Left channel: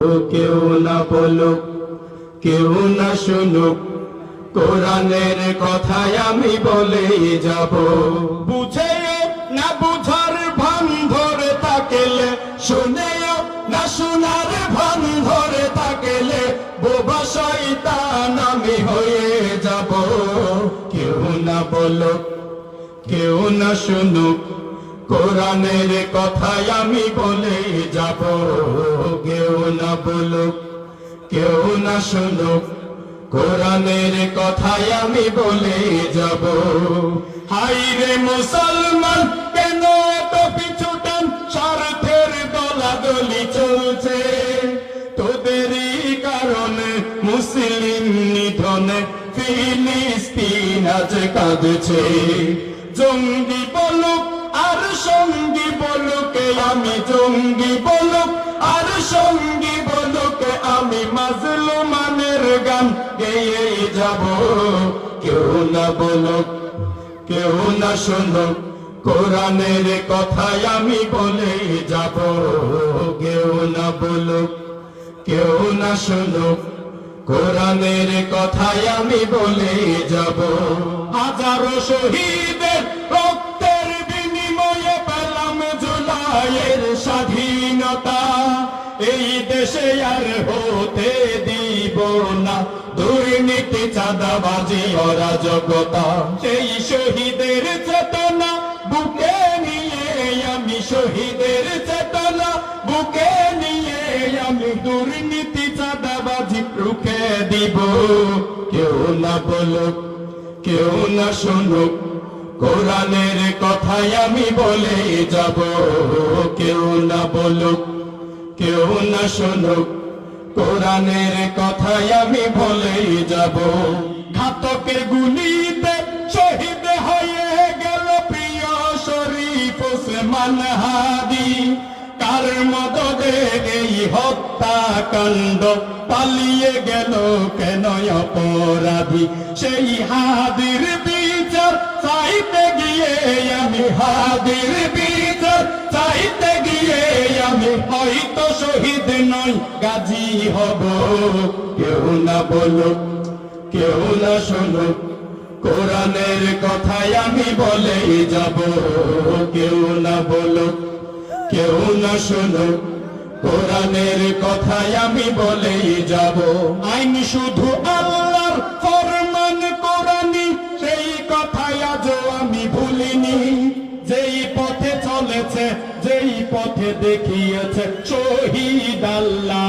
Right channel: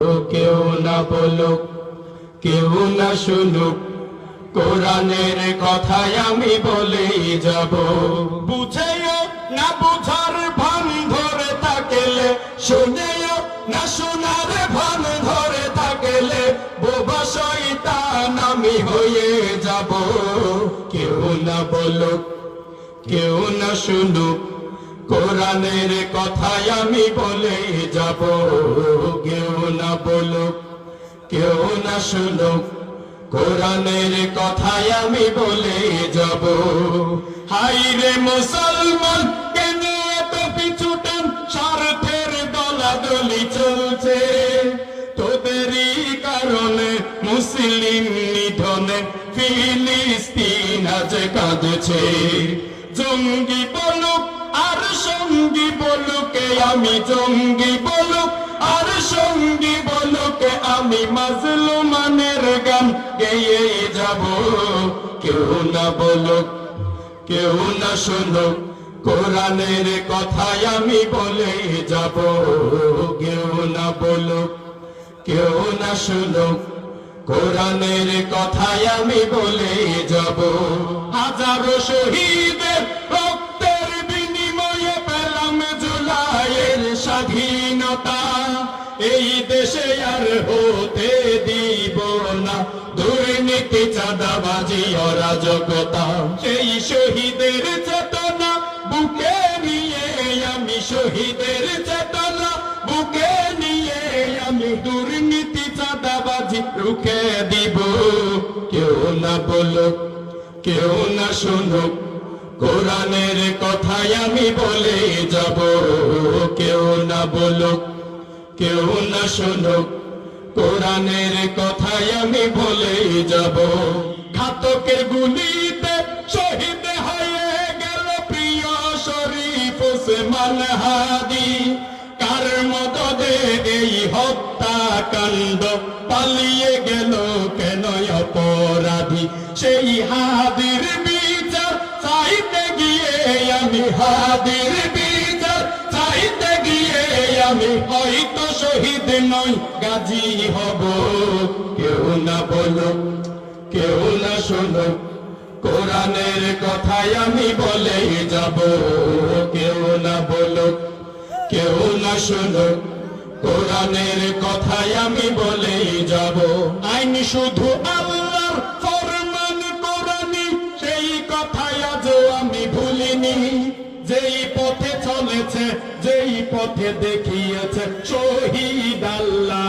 কেউ না বলুক, কেউ না শুনুক, কোরআনের কথায় আমি বলেই যাব। বুঝেও না বুঝার ভান ধরে তাকেলে, শুনেও না শোনার ভান ধরে তাকেলে, বোবা শয়তান আমি হয়ে যাব। কেউ না বলুক, কেউ না শুনুক কোরআনের কথায় আমি বলে যাব। কেউ না বলুক, কেউ না শুনুক, কোরআনের কথায় আমি বলে যাব। হাই রে মুসলমান, কেন এত পিছুটান স্বার্থের দলাদলি চলছে। তোদেরই কারণে মুসলিম নিধনে ফিলিস্তিন আজ কাঁদছে। জঙ্গি বলুক বলুকে আমি জঙ্গি বলুক, আর সঙ্গী বলুকে আমি মাজলুমানের গান গেয়ে যাব। কেউ না বলুক, কেউ না শুনুক, কোরআনের কথায় আমি বলে যাব। কেউ না বলুক, কেউ না শুনুক, কোরআনের কথায় আমি বলে যাব। হাজারো শহীদের দেশে আর হতে দিব না। দুর্নীতি, চাঁদাবাজি, অরাজকতা, সেই শহীদের চেতনা, বুকে নিয়ে আমি শহীদের চেতনা, বুকে নিয়ে আমি দুর্নীতি, চাঁদাবাজি রুখে দিব। কেউ না বলুক, কেউ না শুনুক, কোরআনের কথায় আমি বলে যাব। কেউ না বলুক কেউ না শুনুক। কোরআনের কথায় আমি বলে যাব। ঘাতকের গুলিতে শহীদ হয়ে গেল প্রিয় শরীফ ওসমান হাদি। কার মদদে এই হত্যাকাণ্ড পালিয়ে গেল কেন অপরাধী? সেই হাদির বিচার চাইতে গিয়ে আমি হাদির হয়তো শহীদ নই, গাজী হব। কেউ না বলুক, কেউ না শুনুক, কোরআনের কথায় আমি বলেই যাব। কেউ না বলুক, কেউ না শুনুক, কোরআনের কথায় আমি বলেই যাব। আইন শুধু আল্লাহর পথে চলেছে যেই পথে দেখিয়েছে শহীদ আল্লাহ